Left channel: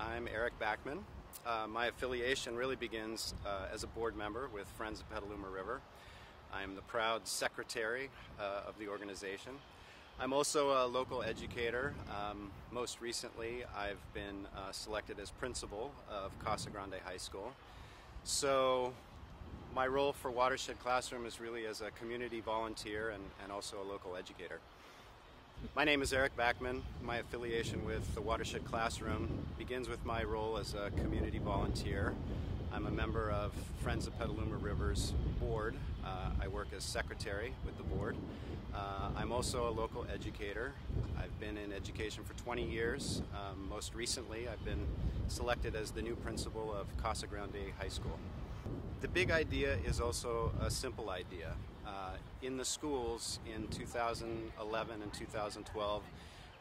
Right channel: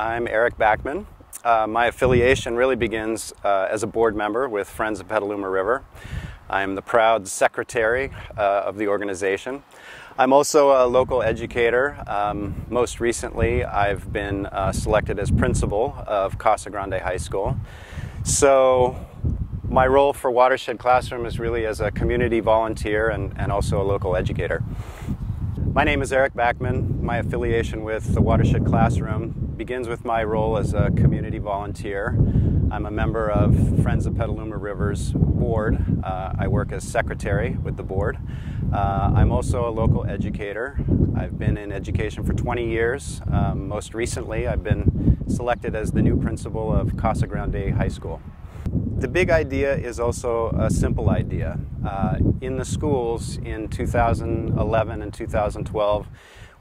I'm Eric Backman. My affiliation really begins as a board member with Friends of Petaluma River. I'm the proud secretary of the organization. I'm also a local educator. Most recently, I've been selected as principal of Casa Grande High School. So my role for Watershed Classroom is really as a community volunteer and also a local educator. My name is Eric Backman. My affiliation with the Watershed Classroom begins with my role as a community volunteer. I'm a member of Friends of Petaluma River's board. I work as secretary with the board. I'm also a local educator. I've been in education for 20 years. Most recently, I've been selected as the new principal of Casa Grande High School. The big idea is also a simple idea. In the schools in 2011 and 2012,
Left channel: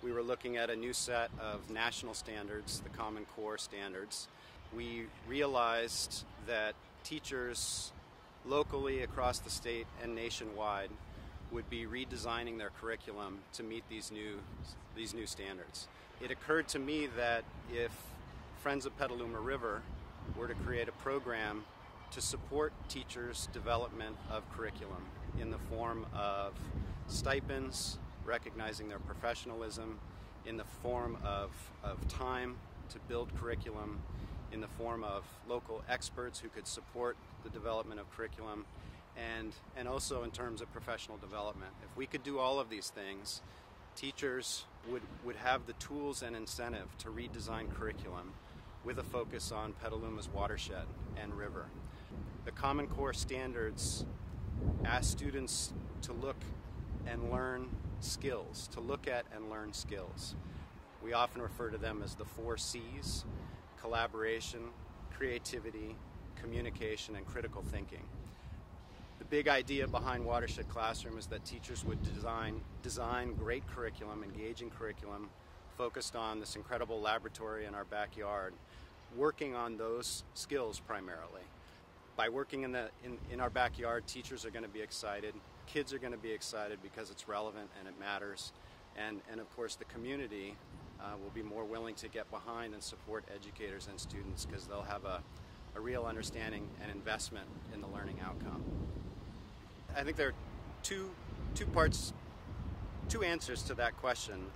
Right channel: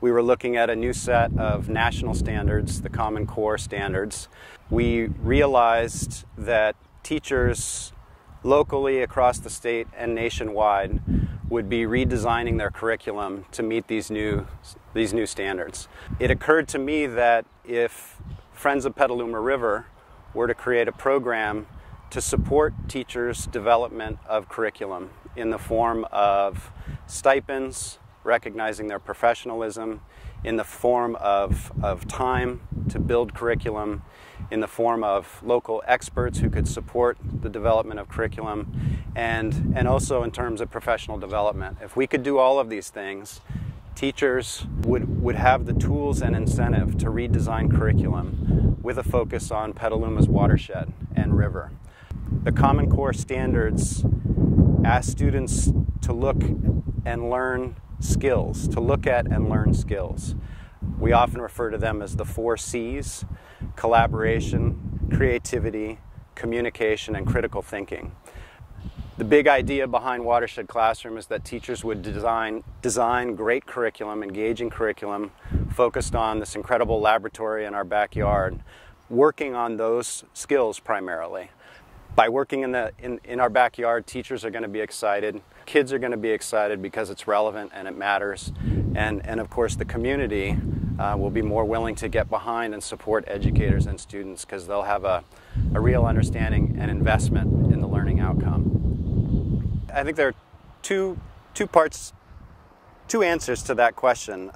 we were looking at a new set of national standards, the Common Core standards. We realized that teachers locally across the state and nationwide would be redesigning their curriculum to meet these new standards. It occurred to me that if Friends of Petaluma River were to create a program to support teachers' development of curriculum in the form of stipends, recognizing their professionalism, in the form of time to build curriculum, in the form of local experts who could support the development of curriculum, and also in terms of professional development. If we could do all of these things, teachers would have the tools and incentive to redesign curriculum with a focus on Petaluma's watershed and river. The Common Core standards ask students to look and learn skills, to look at and learn skills. We often refer to them as the 4 C's: collaboration, creativity, communication, and critical thinking. The big idea behind Watershed Classroom is that teachers would design great curriculum, engaging curriculum, focused on this incredible laboratory in our backyard, working on those skills primarily. By working in our backyard, teachers are going to be excited, kids are going to be excited because it's relevant and it matters, and of course the community will be more willing to get behind and support educators and students because they'll have a real understanding and investment in the learning outcome. I think there are two answers to that question.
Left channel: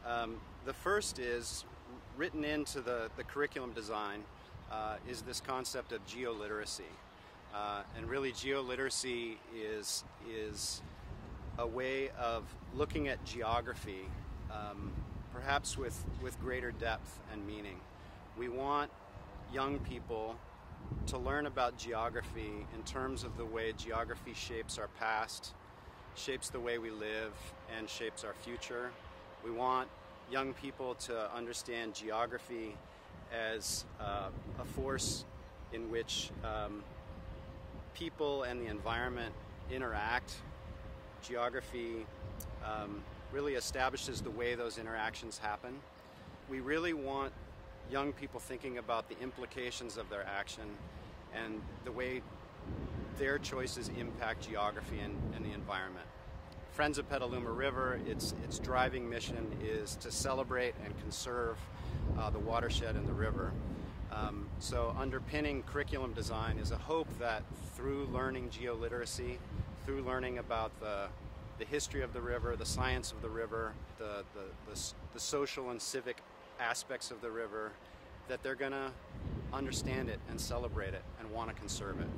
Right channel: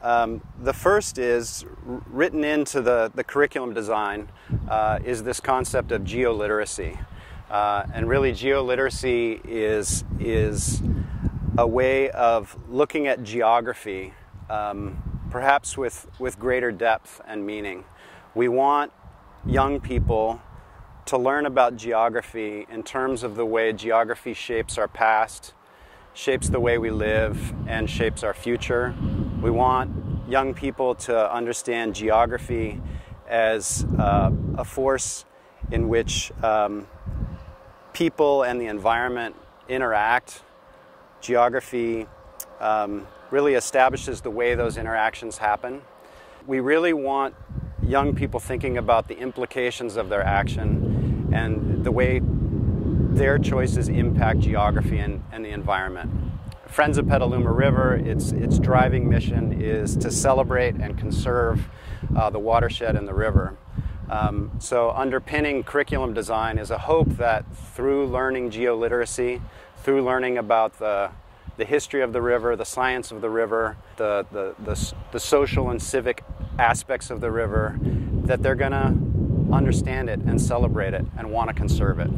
The first is, written into the curriculum design, is this concept of geoliteracy. And really, geoliteracy is a way of looking at geography, perhaps with greater depth and meaning. We want young people to learn about geography in terms of the way geography shapes our past, shapes the way we live, and shapes our future. We want young people to understand geography as a force in which people and the environment interact. Geography really establishes the way those interactions happen. We really want young people thinking about the implications of their action and the way their choices impact geography and the environment. Friends of Petaluma River, its driving mission is to celebrate and conserve the watershed and the river. So underpinning curriculum design is a hope that through learning geoliteracy, through learning about the history of the river, the science of the river, the social and civic aspects of the river, that they're going to understand it and celebrate it and want to conserve it.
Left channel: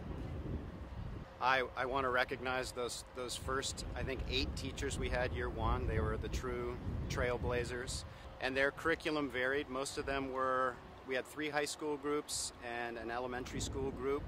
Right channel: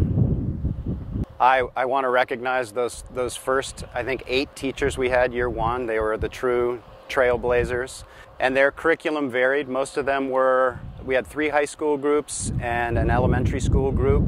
I want to recognize those first, I think, 8 teachers we had year one. They were the true trailblazers, and their curriculum varied. Most of them we had 3 high school groups and an elementary school group.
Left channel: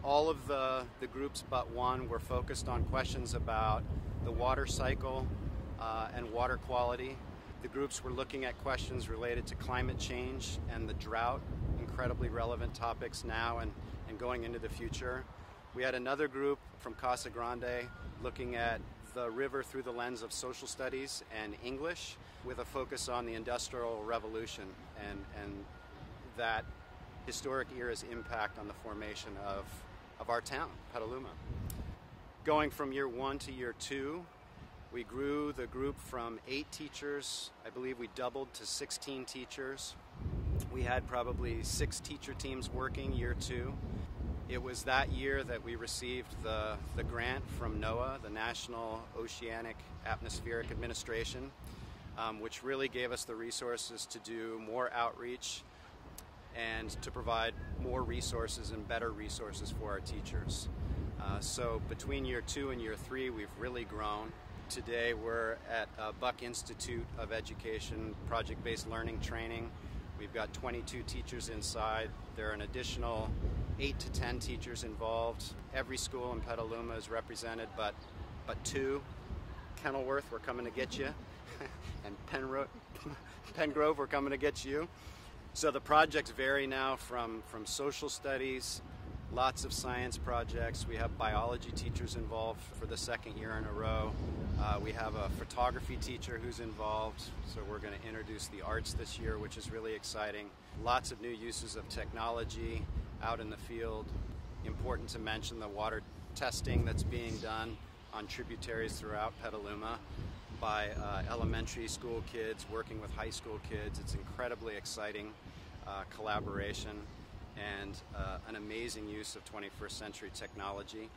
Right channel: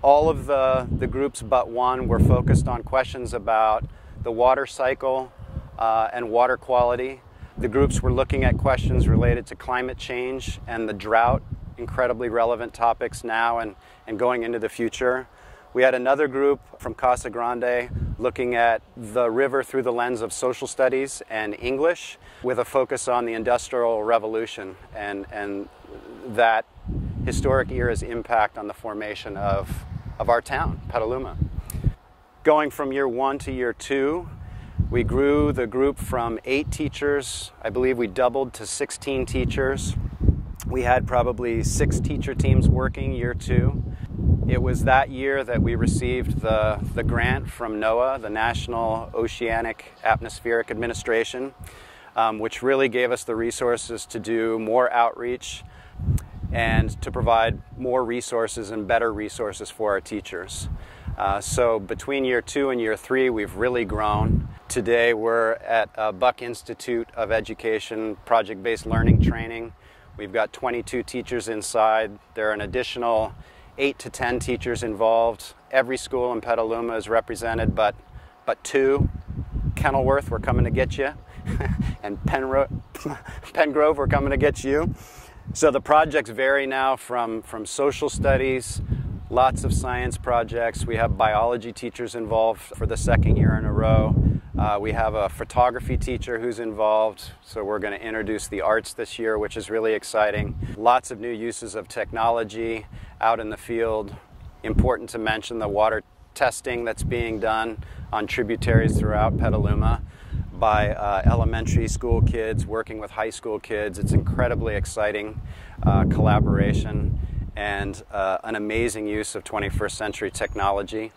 All of the groups but one were focused on questions about the water cycle and water quality. The groups were looking at questions related to climate change and the drought, incredibly relevant topics now and going into the future. We had another group from Casa Grande looking at the river through the lens of social studies and English, with a focus on the Industrial Revolution and that historic era's impact on the formation of our town, Petaluma. Going from year 1 to year 2, we grew the group from 8 teachers. I believe we doubled to 16 teachers. We had probably 6 teacher teams working year 2. It was that year that we received the grant from NOAA, the National Oceanic Atmospheric Administration, which really gave us the resources to do more outreach and to provide more resources and better resources for our teachers. So between year 2 and year 3, we've really grown. Today we're at Buck Institute of Education project-based learning training. We've got 22 teachers inside. There are an additional 8 to 10 teachers involved. Every school in Petaluma is represented, but 2. Kenilworth, we're coming to get you. And Pengrove, we're coming to get you. So the projects vary now from social studies, lots of science projects. We have biology teachers involved for the 2nd year in a row. We have a photography teacher who's involved, so we're going to introduce the arts this year, which is really exciting. Lots of new uses of technology out in the field. Important to mention the water testing that's being done on tributaries throughout Petaluma by elementary school kids working with high school kids. It's incredibly exciting collaboration and an amazing use of 21st century technology.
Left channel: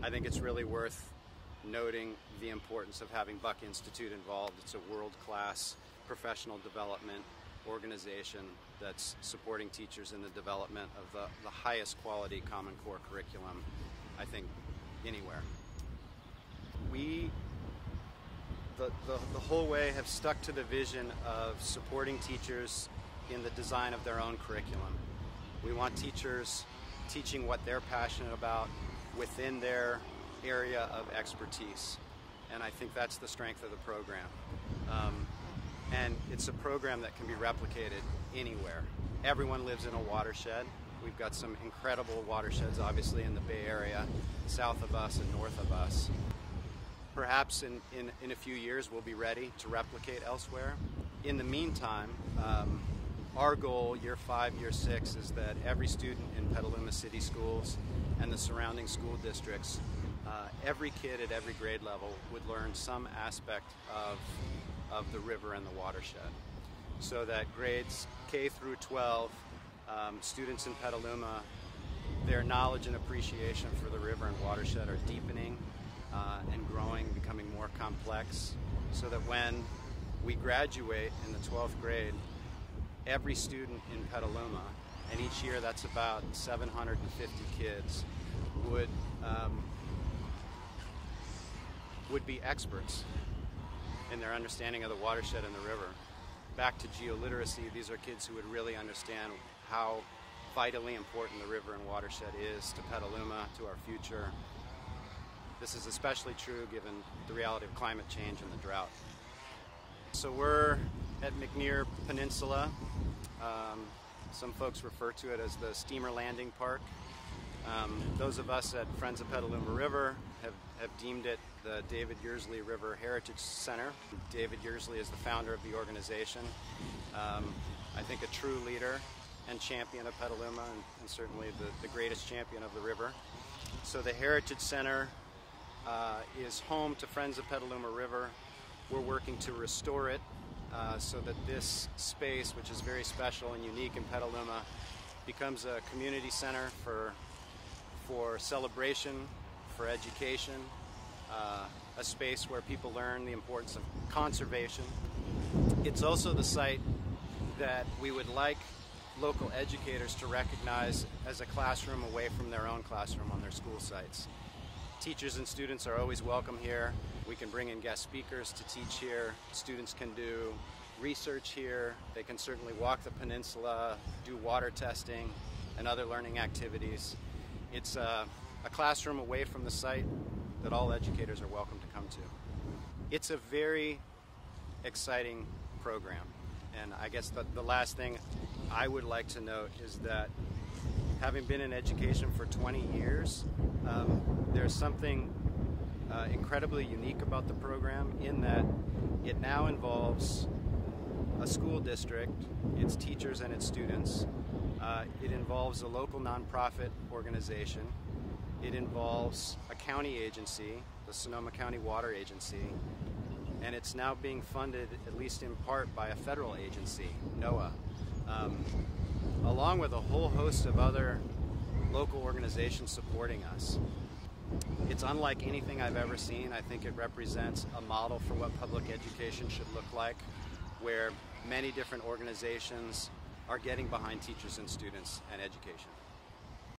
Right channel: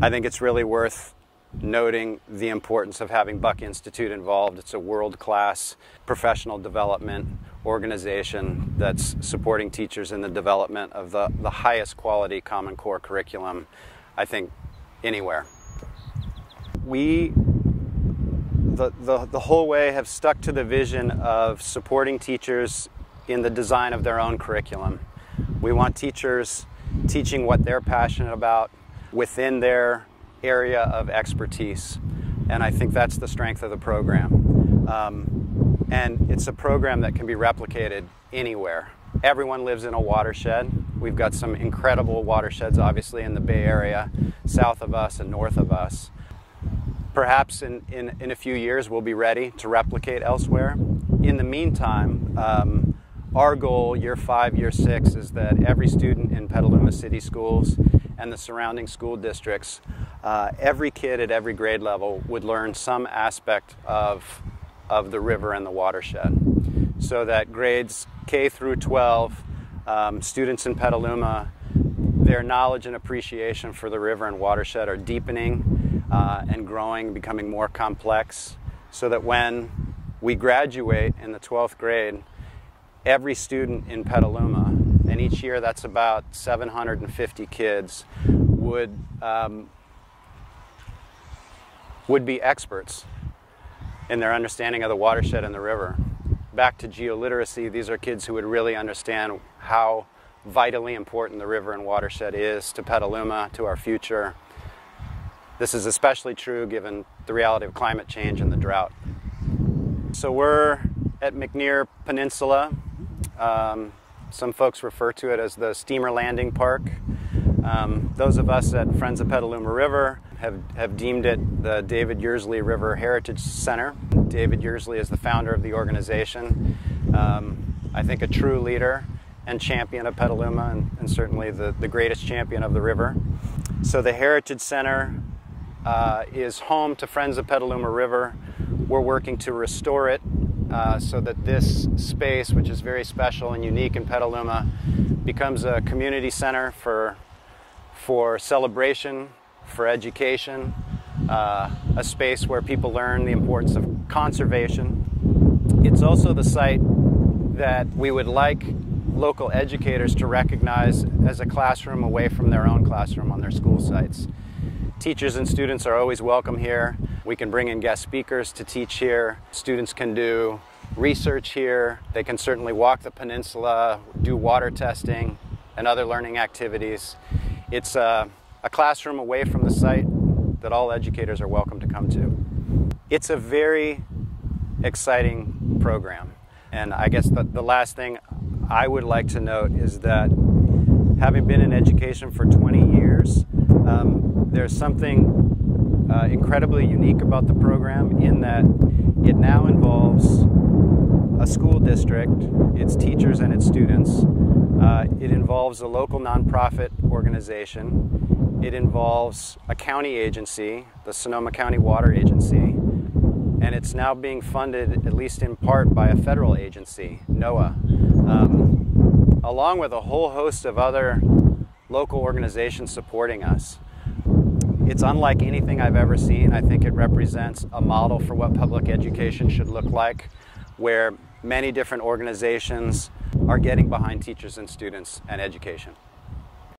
I think it's really worth noting the importance of having Buck Institute involved. It's a world-class professional development organization that's supporting teachers in the development of the highest quality Common Core curriculum, I think, anywhere. We, the whole way, have stuck to the vision of supporting teachers in the design of their own curriculum. We want teachers teaching what they're passionate about within their area of expertise, and I think that's the strength of the program. And it's a program that can be replicated anywhere. Everyone lives in a watershed. We've got some incredible watersheds, obviously, in the Bay Area, south of us and north of us. Perhaps in a few years we'll be ready to replicate elsewhere. In the meantime, our goal, year 5, year 6, is that every student in Petaluma City Schools and the surrounding school districts, every kid at every grade level would learn some aspect of the river and the watershed. So that grades K through 12, students in Petaluma, their knowledge and appreciation for the river and watershed are deepening and growing, becoming more complex, so that when we graduate in the 12th grade, every student in Petaluma, and each year that's about 750 kids, would be experts in their understanding of the watershed and the river. Back to geoliteracy, these are kids who would really understand how vitally important the river and watershed is to Petaluma, to our future. This is especially true given the reality of climate change and the drought. So we're at McNear Peninsula. Some folks refer to it as the Steamer Landing Park. Those of us at Friends of Petaluma River have deemed it the David Yearsley River Heritage Center. David Yearsley is the founder of the organization. I think a true leader and champion of Petaluma, and certainly the greatest champion of the river. So the Heritage Center is home to Friends of Petaluma River. We're working to restore it so that this space, which is very special and unique in Petaluma, becomes a community center for celebration, for education, a space where people learn the importance of conservation. It's also the site that we would like local educators to recognize as a classroom away from their own classroom on their school sites. Teachers and students are always welcome here. We can bring in guest speakers to teach here. Students can do research here. They can certainly walk the peninsula, do water testing and other learning activities. It's a classroom away from the site that all educators are welcome to come to. It's a very exciting program. And I guess the last thing I would like to note is that having been in education for 20 years, there's something incredibly unique about the program in that it now involves a school district, its teachers and its students. It involves a local nonprofit organization. It involves a county agency, the Sonoma County Water Agency. and it's now being funded, at least in part, by a federal agency, NOAA, along with a whole host of other local organizations supporting us. It's unlike anything I've ever seen. I think it represents a model for what public education should look like, where many different organizations are getting behind teachers and students and education.